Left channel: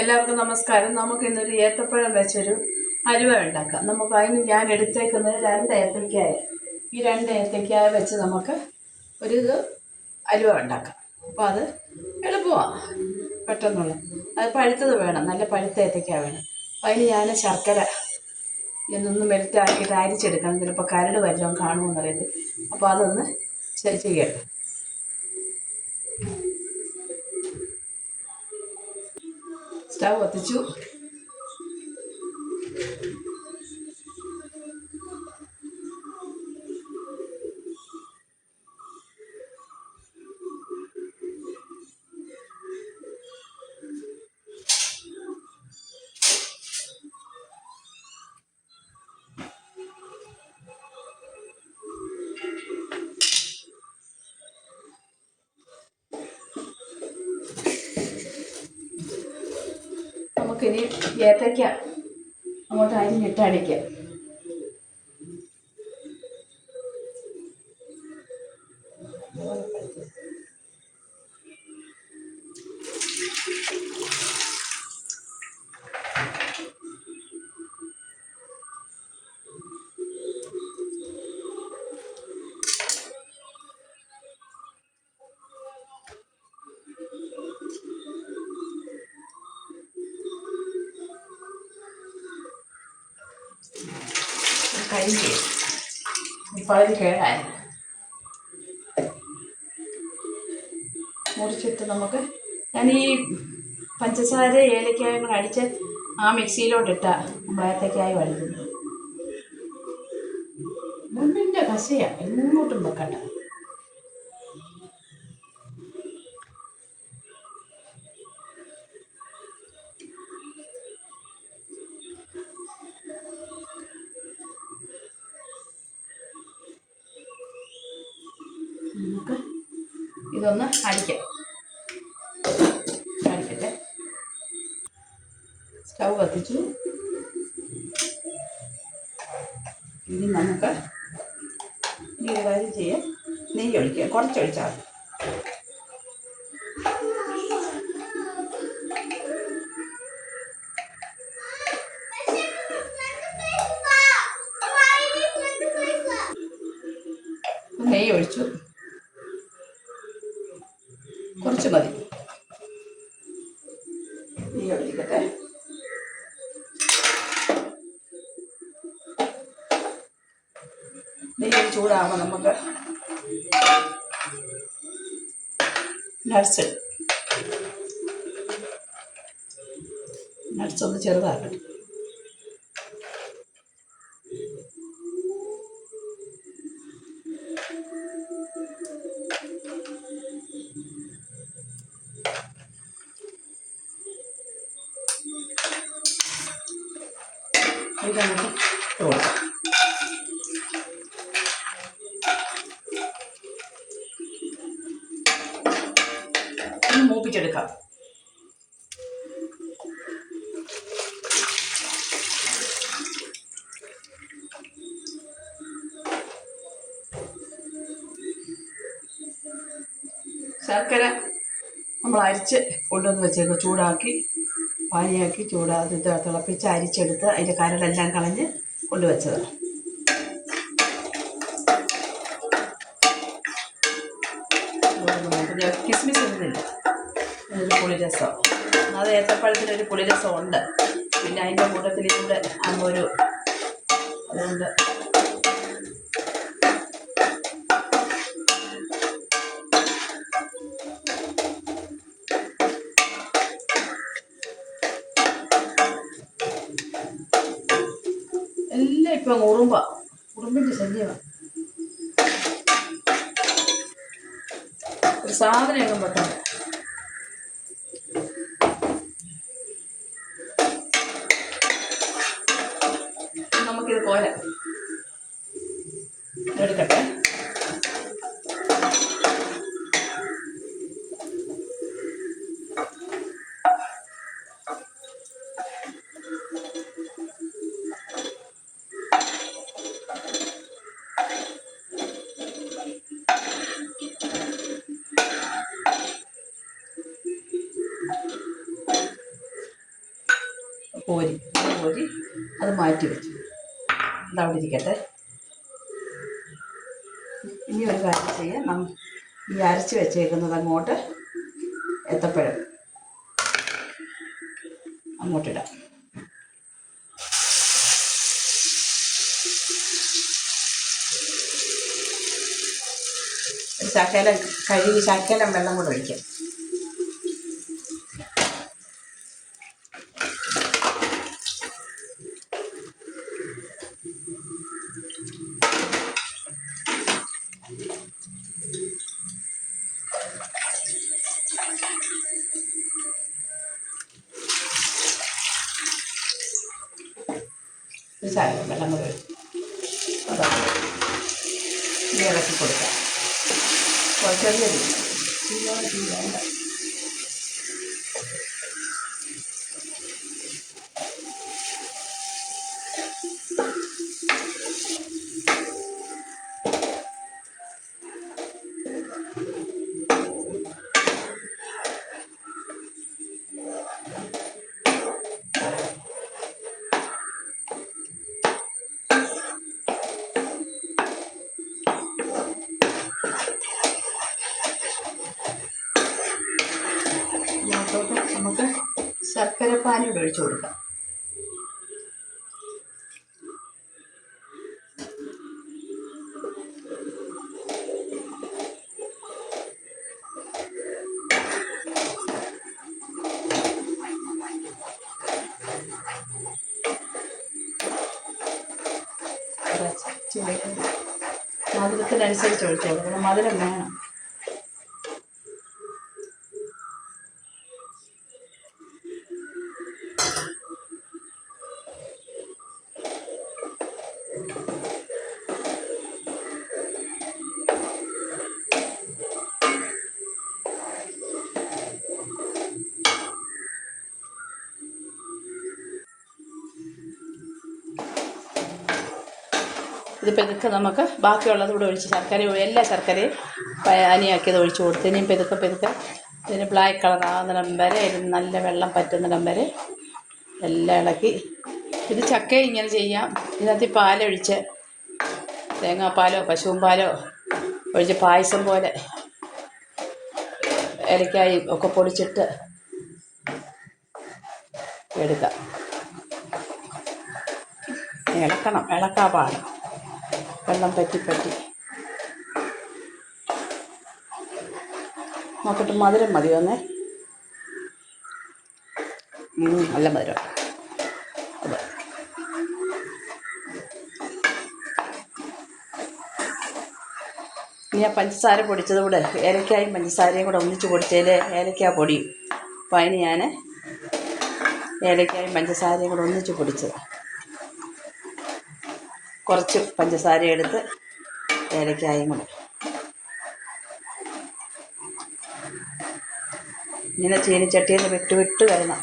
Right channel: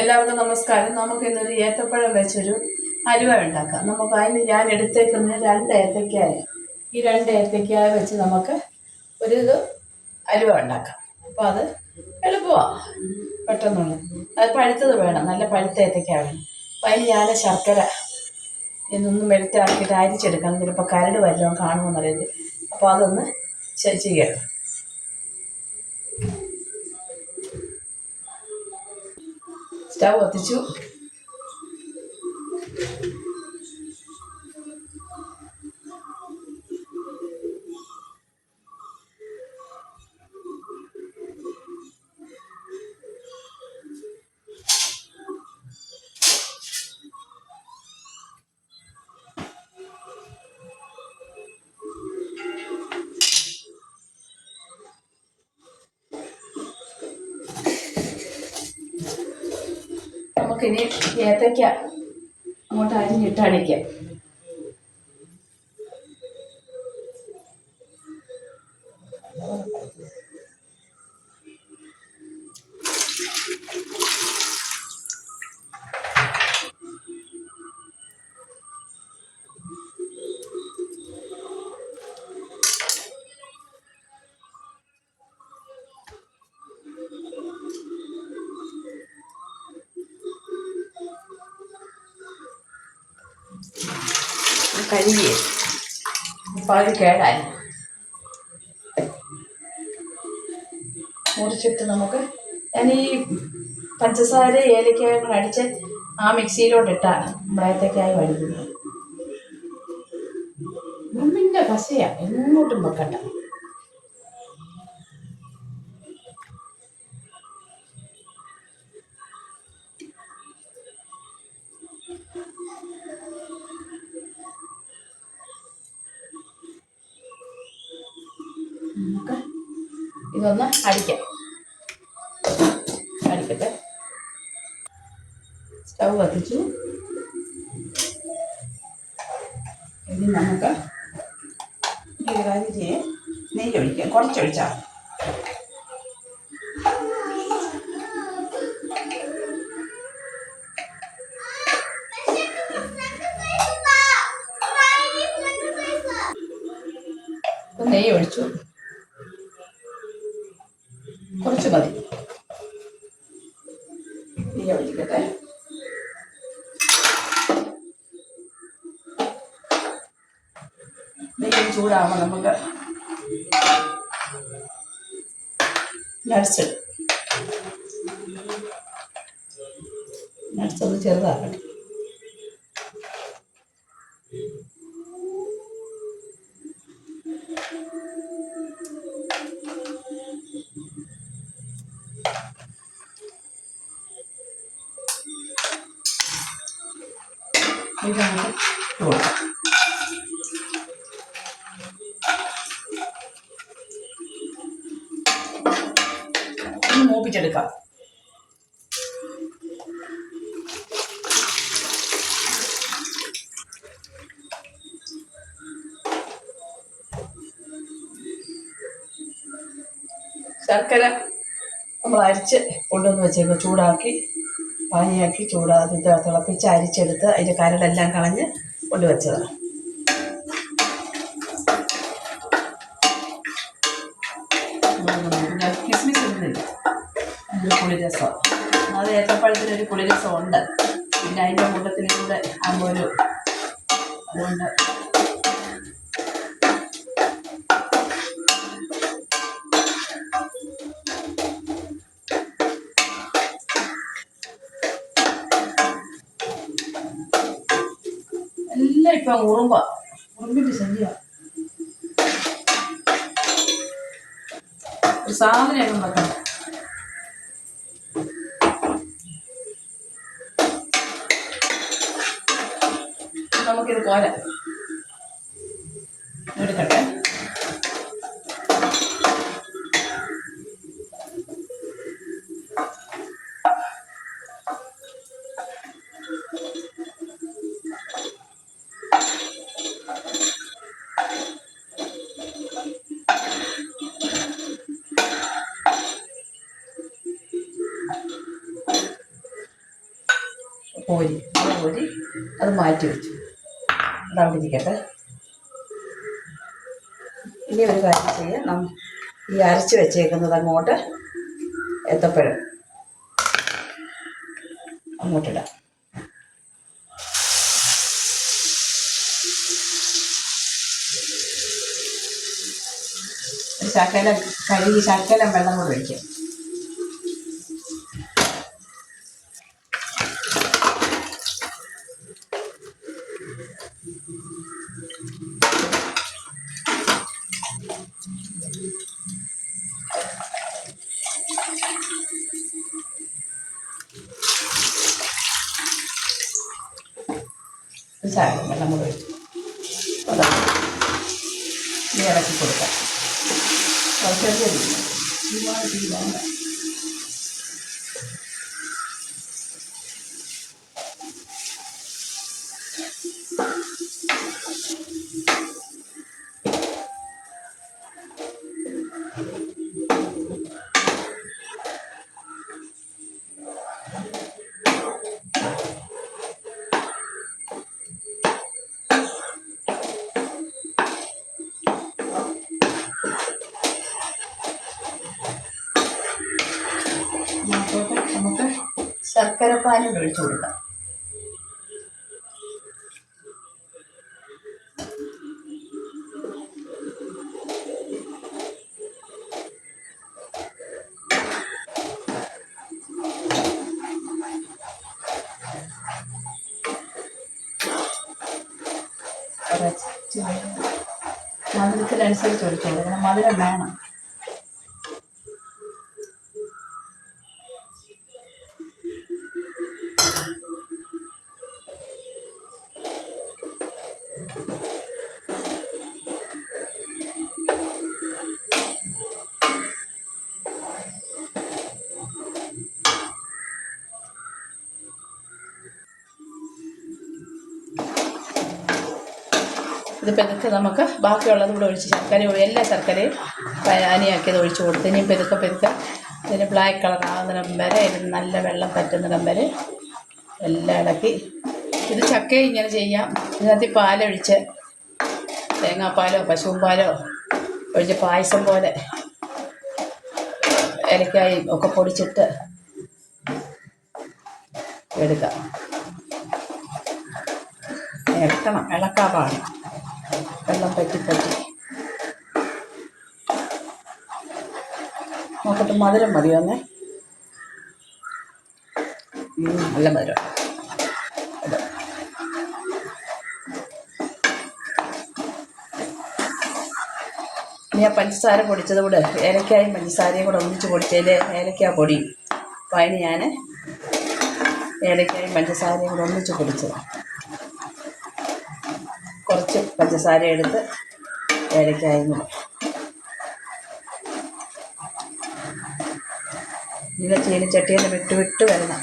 എല്ലാവർക്കും നമസ്കാരം. നമുക്ക് ഇന്നൊരു ഏത്തപ്പഴം വെച്ചൊരു അലുവ ഉണ്ടാക്കാം. നമുക്ക് അതിന് ഞാൻ എടുത്തേക്കുന്നത് 2 ഏത്തയ്ക്കായ. ഈ 2 ഏത്തയ്ക്കായ വെച്ച് നമുക്ക് ഒരു അലുവ ഉണ്ടാക്കാം. അപ്പോൾ അത് എളുപ്പമാണ്, പെട്ടെന്നുള്ള. അത് പഴുത്തത് വേണം, നല്ല പഴുത്ത ഏത്തയ്ക്ക വേണം. അപ്പോൾ അതിന് ഞാൻ ശർക്കര ഇതൊന്ന് മെൽറ്റാക്കിയിട്ട് അരിച്ചെടുക്കണം. ചിലപ്പോൾ കരട് വല്ലതും കാണുമെന്നറിയത്. അപ്പോൾ അതൊന്ന് ചെയ്യണം. സ്റ്റൗ കത്തിച്ചു. നമുക്കിനി ഏത്തയ്ക്ക അങ്ങോട്ട് അരിഞ്ഞിട്ട് അടിക്കാം. കരിയെ പകുതി കേടായി മുറിച്ചിട്ട് നമുക്ക് ഞാൻ ഈ പഞ്ചസാര ഏലക്കായ കൂടെ അടിച്ച് ആ മിക്സിയിലോട്ടിട്ടാ നമ്മളേത്തക്കായി വഴുകുന്നത്. മുമ്പിൻ്റെ കസയാണ്, എങ്ങോട്ടും വെക്കണ്ട. നമുക്ക് ഇതൊന്ന് അടിക്കട്ടെ. സ്റ്റൗ കത്തിച്ചു. ഇനി നമുക്ക് ഈ കാര്യം ചെയ്യാം. നെയ്യ് ഒഴിക്കാം, കുറച്ചൊഴിച്ചാൽ. നെയ്യ് ഒഴിച്ചു, കുറച്ച് മതി. നെയ്യ് ഒഴിക്കട്ടെ. നെയ്യ് ചൂടാകുമ്പോൾ നമുക്ക് നട്ട്സ് ഒന്ന് ചെറുതാക്കണം. ഇതാണ് കൊടുക്കാം. ഒന്ന് മൂപ്പിച്ചെടുക്കാം. ശർക്കര നമ്മൾ അരിച്ച് കൊണ്ടുവന്ന് വെച്ചേക്ക്, ചൂടാക്കി പാനിയാക്കി തിളപ്പിച്ച് അരിച്ചെടുത്ത് അതിൻ്റെ കരടെല്ലാം കളഞ്ഞ് കൊണ്ടുവച്ചതാണ്. ഞാൻ കിസ്മിസ് ഇടുന്നില്ല, അതിനൊരു പുളിരസം. അത് ഏത്തപ്പഴത്തിനൊരു പുളിരസം ഉണ്ട്. പിന്നെ അതിൻ്റെ കൂട്ടത്തിലൂടെ ആകുമ്പോൾ അതുകൊണ്ട് എല്ലാം ഇപ്പം ഉറുമ്പിൻ്റെ ശല്യമാണ്. ഒരു സാധനമൊക്കെ വെക്കണം. നമുക്കിത് കോരാം, എടുക്കട്ടെ. കോരി അത് മാറ്റി വെച്ചു. അതവിടെ ഇരിക്കട്ടെ. ഇനി ഒരു കാര്യം ചെയ്യാം, ഈ അരച്ച് വെച്ചേക്കുന്നത് അങ്ങോട്ട് ഏത്തപ്പഴം അങ്ങോട്ടിടാം. ശകലം കഴുകി ശകലം വെള്ളം കൂടെ ഒഴിക്കാം. ശകലം വെള്ളം കൂടെ ഒഴിച്ചു ഇളക്കി കൊടുക്കാം. ചെറിയ ഒരുപാട് തീരാണ്ട. നമുക്ക് ശർക്കരപ്പാനി ഒഴിച്ചു കൊടുക്കാം. മധുരത്തിനനുസരിച്ച് ഒഴിച്ചു കൊടുക്കണം. മധുരം വേണം. ഇത് പെതുക്കെ നമുക്ക് ബാക്കിയുള്ളത് കൂടെ ഒഴിച്ച് എല്ലാ ശർക്കരയും അനിയാക്കിയത് ഒഴിച്ച് കൊടുത്ത് ഇനിയും പെതുക്കെ ഇതിന് ബ്ലാക്ക് കളർ ആകുന്നിടം വരെ ഇതിന് നല്ല വെള്ളം പറ്റുന്നിടം വരെ എല്ലാം ഇളക്കി. ഇത് ചക്കയും ഇങ്ങനെ ചെയ്യാം. ഇതിനകത്ത് പാലൊഴിച്ച് തേങ്ങാപ്പാലോ പശുവും പാലോ ഒഴിച്ച് പായസം പോലെ ഏലക്കായും ഒക്കെ പൊടിച്ചിട്ട് എടുക്കാം. ഇളക്കാൻ പാടും. വെള്ളം പറ്റി നോക്കട്ടെ. മധുരം മതിയോന്നേ? നല്ല മധുരം. അതെ, ഇനി പഞ്ചസാര പൊടിച്ചത് കൂടെ ഏലക്കായും പഞ്ചസാരയും കൂടെ ഒന്നിച്ച് പൊടിച്ചതിൽ ഏലക്കാ പൊടി. അപ്പോൾ അതിന് ഞാൻ ഏലക്കായും പഞ്ചസാരയും കൂടെ ഒന്നിച്ച് പൊടിച്ചത്. കുറച്ച് പഞ്ചസാര എടുത്ത് ഏലക്കായും കൂടെ ഇങ്ങനെ ചീനിച്ചട്ടിയിൽ നിന്ന് വിട്ട് വരണം.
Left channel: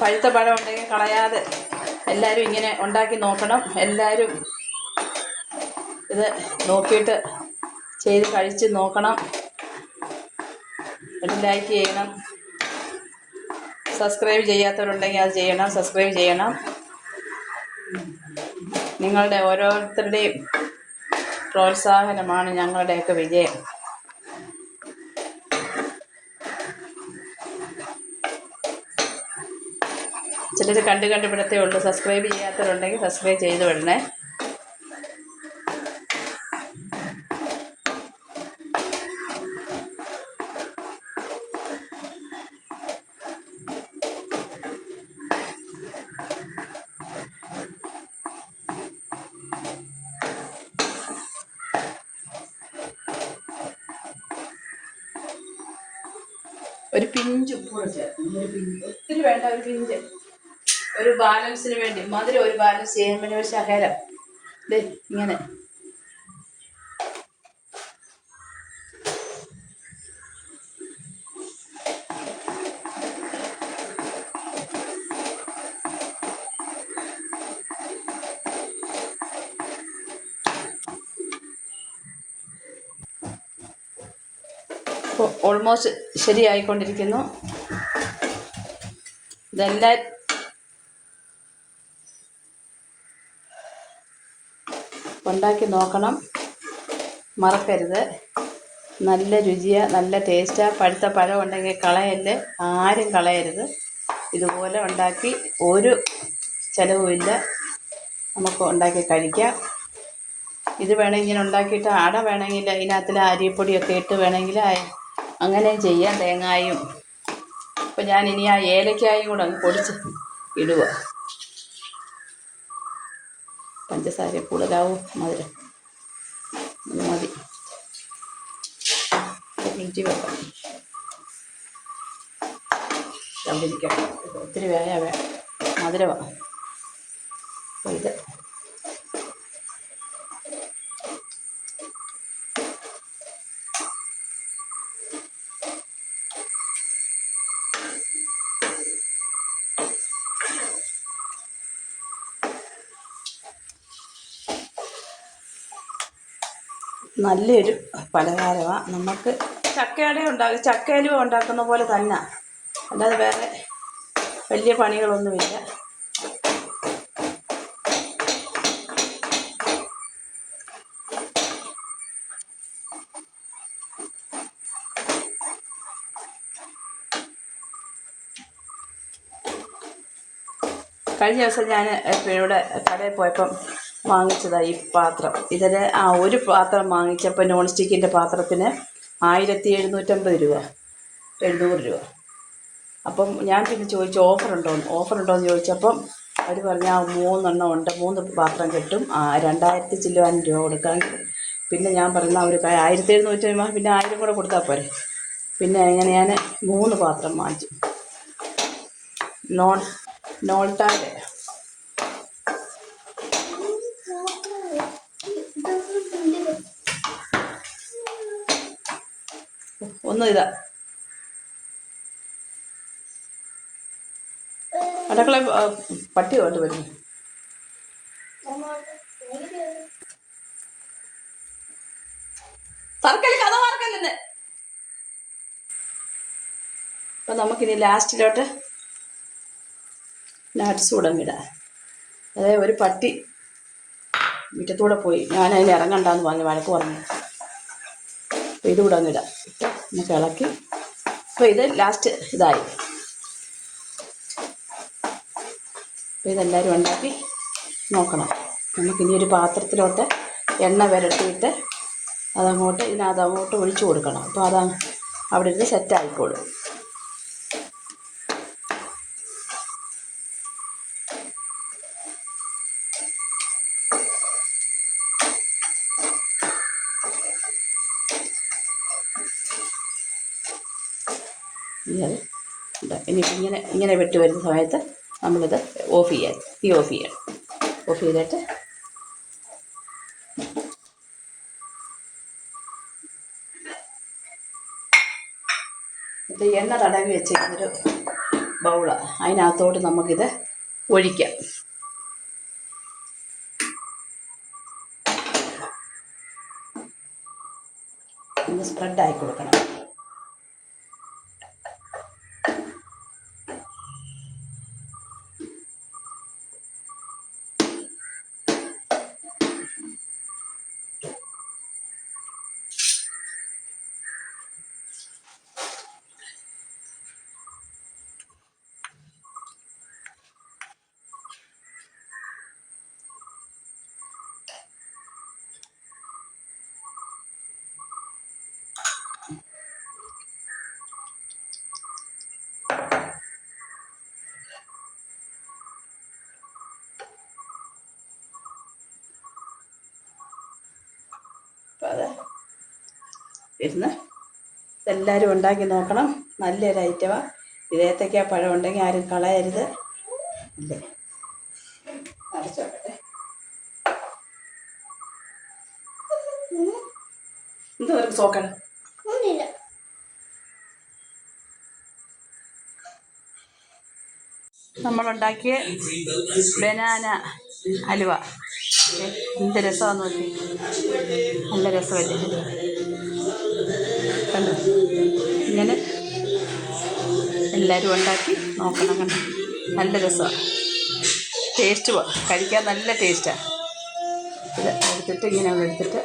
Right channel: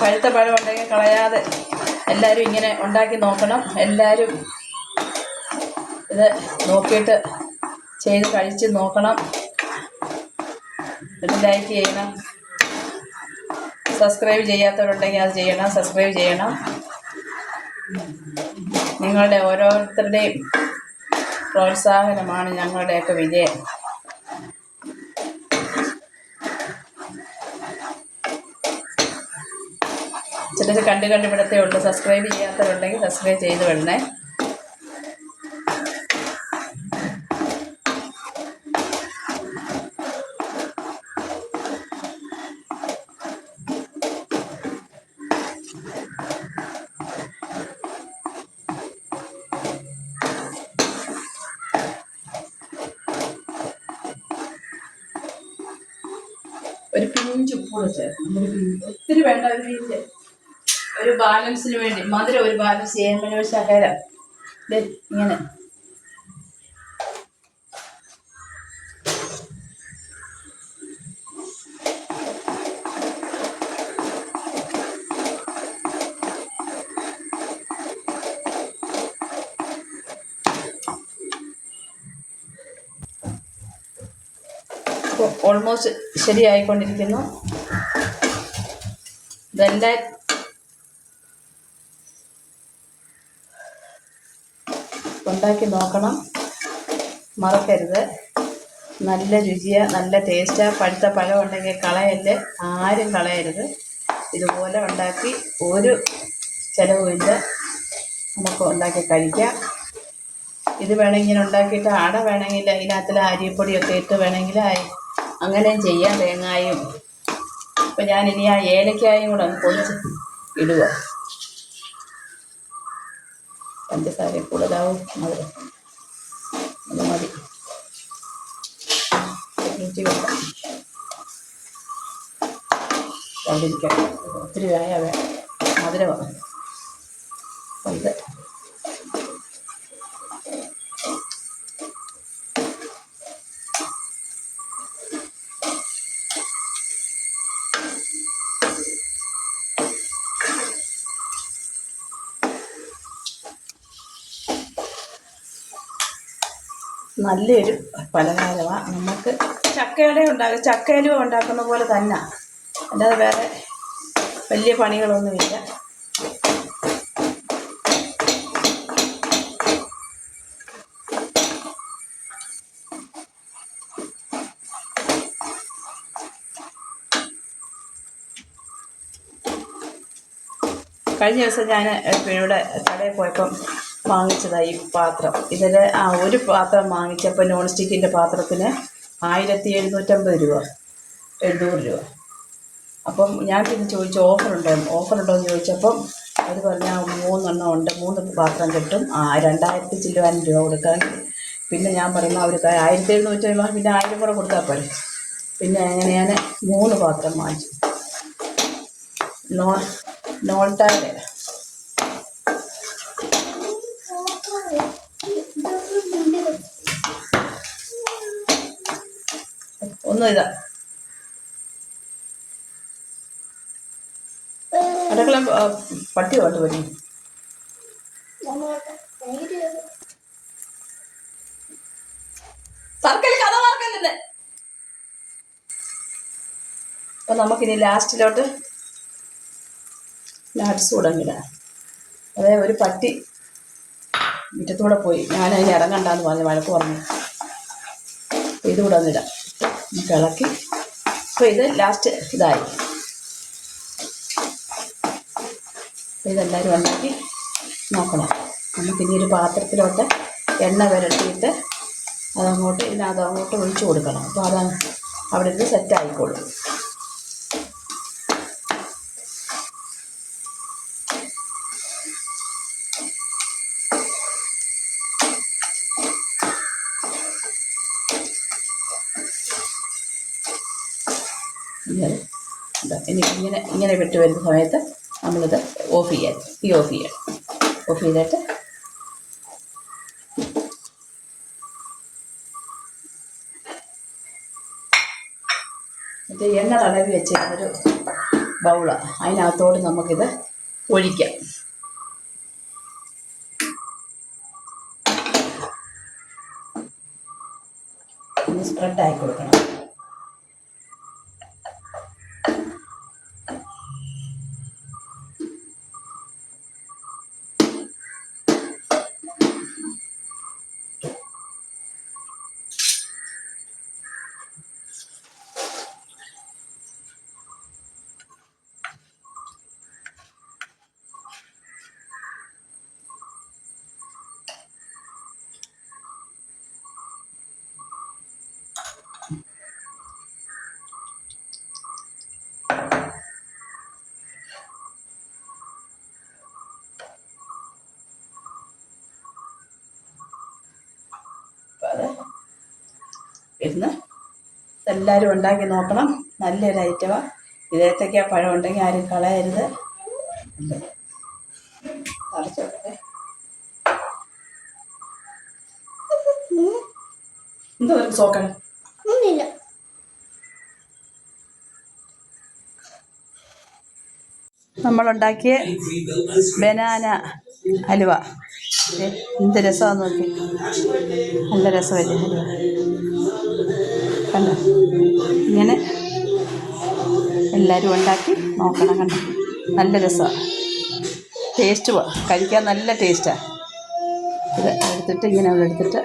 പഴുത്ത പഴം ഉണ്ടെങ്കിൽ കളയാതെ എല്ലാവരും ഇങ്ങനെ ഉണ്ടാക്കി നോക്കണം. എല്ലാവരും ഇത് നോക്കിയിട്ട് ചെയ്ത് കഴിച്ച് നോക്കണം. ഇത് ലൈക്ക് ചെയ്യണം. സബ്സ്ക്രൈബ് ചെയ്യാത്തവരുണ്ടെങ്കിൽ അത് ചെയ്യണം. സബ്സ്ക്രൈബ് ചെയ്യണം. നിങ്ങളുടെ ഓരോരുത്തരുടെയും പ്രോത്സാഹനമാണ് ഞങ്ങളുടെയൊക്കെ വിജയം. ചിലർ കണ്ട് ഇവിടത്തേ ഉള്ളൂ. സബ്സ്ക്രൈബ് ചെയ്യാത്തവരുണ്ടെങ്കിൽ സബ്സ്ക്രൈബ് ചെയ്ത് വിടണേ. ഒരു പിഞ്ച് ഉപ്പ് ചേർക്കും. ഒത്തിരി വേണ്ട, ഒരു പിഞ്ച്. ഒരു ബാലൻസിന് വേണ്ടി മധുരം ഒരു ബാലൻസ് ചെയ്യാൻ വേണ്ടി ഒരു ശകലം ഇങ്ങനെ ഓൾമോസ്റ്റ് ശരിയായിക്കൊണ്ടിരിക്കുന്നു. ഇതെല്ലാം ഉണ്ടാക്കി നോക്കണം, മറക്കരുത്. നല്ല രുചിയാണ്, നല്ല ടേസ്റ്റാണ്. പഴുത്ത പഴം ഉണ്ടെങ്കിൽ കളയല്ലേ, ആരും കളയരുത്. ഇതുപോലെ ഉണ്ടാക്കി ഒരു ചിലവുമില്ല, നമുക്ക് ഉണ്ടാക്കി കഴിക്കാം. ഇത് വേണമെങ്കിൽ ഇങ്ങനെ ഉണ്ടാക്കിയിട്ട് അട വേണമെങ്കിൽ അതിനകത്തിൽ അരിപ്പൊടിയൊക്കെ ഇട്ട് വേണമെങ്കിൽ അങ്ങനെയും ചെയ്യാം, തേങ്ങായും. അപ്പം ഞാനിനി ആ ഏലക്കായും കൂടെ ഒന്ന് പൊടിച്ച് ഇടുക. പഞ്ചസാര കൂടുതലാവും, മധുരം അത് മതി. ഫ്രിഡ്ജിൽ വെക്കാം, അവിടെ ഇരിക്കാം. ഒത്തിരി മധുരമാണ്. അപ്പോൾ ഇത് നല്ലൊരു പലഹാരമാണ്. നമുക്ക് ചക്കയലുവ ഉണ്ടാക്കുന്ന പോലെ തന്നെ, അല്ലാതെ വേറെ വലിയ പണികളൊന്നുമില്ല. കഴിഞ്ഞ ദിവസം ഞാൻ ഇവിടെ കടയിൽ പോയപ്പം വാങ്ങിച്ചതായി ഈ പാത്രം. ഇതിൽ ഒരു പാത്രം വാങ്ങിച്ചപ്പോൾ നോൺ സ്റ്റിക്കിൻ്റെ പാത്രത്തിന് 1750 രൂപ, 700 രൂപ. അപ്പം ഞാൻ പിന്നെ ചോദിച്ചു ഓഫറുണ്ടോ എന്ന് ചോദിച്ചപ്പം അവർ പറഞ്ഞാൽ 3 എണ്ണം ഉണ്ട്, 3 പാത്രം കിട്ടും, 2000 ചില്ലുവാനും രൂപ കൊടുക്കാൻ. പിന്നെ ഞാൻ പറഞ്ഞു അവർ 1750 രൂപ, പിന്നെ 1000 കൂടെ കൊടുത്താൽ പോരെ. പിന്നെ അങ്ങനെ ഞാൻ 3 പാത്രം വാങ്ങിച്ചു. നോൾട്ടായുടെ ഒന്നും ഇതാ അടുക്കള പട്ടി തൊട്ട് പറ്റി. അപ്പം നമുക്കിനി ലാസ്റ്റിലോട്ട് നട്ട്സ് കൂടെ ഇടാം. അതായത് ഒരു പട്ടി മുറ്റത്തൂടെ പോയി, ഞാനതിന് ഇറങ്ങണ്ടെന്ന് പറഞ്ഞ് വഴക്ക് പറഞ്ഞു. അപ്പോൾ ഇതുകൂടെ ഇടാം, നമുക്ക് ഇളക്കി. അപ്പോൾ ഇത് ലാസ്റ്റ് ഇതായി. അപ്പോൾ ഇതെല്ലാവരും ഉണ്ടാക്കി നോക്കണം. നമുക്കിനി ഒരു പാത്രത്തിലോട്ട് എണ്ണ പുരട്ടിയിട്ട് ഇതിനകത്തങ്ങോട്ട് ഒഴിച്ചു കൊടുക്കണം. അപ്പോൾ അതാണ് അവിടെ ഇരുന്ന് സെറ്റായിക്കോളും. ഇനി ഇങ്ങനെ വെട്ടി വരുന്ന സമയത്ത് നമ്മളിത് ഓഫ് ചെയ്യണം. ഓഫ് ചെയ്തിട്ട് ഇത് എണ്ണ തടവി വെച്ചിരുന്നൊരു ബൗളാണ്, അതിനകത്തോട്ട് നമുക്കിത് ഒഴിക്കാം. ഒന്ന് സ്പ്രെഡായി കൊടുക്കണം. അപ്പോൾ അത് ഇരുന്ന് എല്ലാവരും ഉണ്ടാക്കി നോക്കണം. നല്ലൊരു ഐറ്റമാണ്. ഇതേത്തക്ക പഴം ഉണ്ടെങ്കിൽ ആരും കളയരുത്. അല്ലേ, അടച്ചു വെക്കട്ടെ. എന്തോ സോക്കണം നമ്മളുണ്ടാക്കിയ ബനാന ഹലുവ. എന്ത് രസമാണെന്ന് നോക്കി, നല്ല രസമല്ലേ ഹലുവ. കണ്ടോ, ഇങ്ങനെ എല്ലാവരും ഉണ്ടാക്കി നോക്കണം. കണ്ടോ, നല്ല രസമാണ്, ടേസ്റ്റ് കഴിക്കാൻ നല്ല ടേസ്റ്റാണ്. ഇത് എടുത്തിട്ട് ഇങ്ങനെ എടുത്തിട്ട്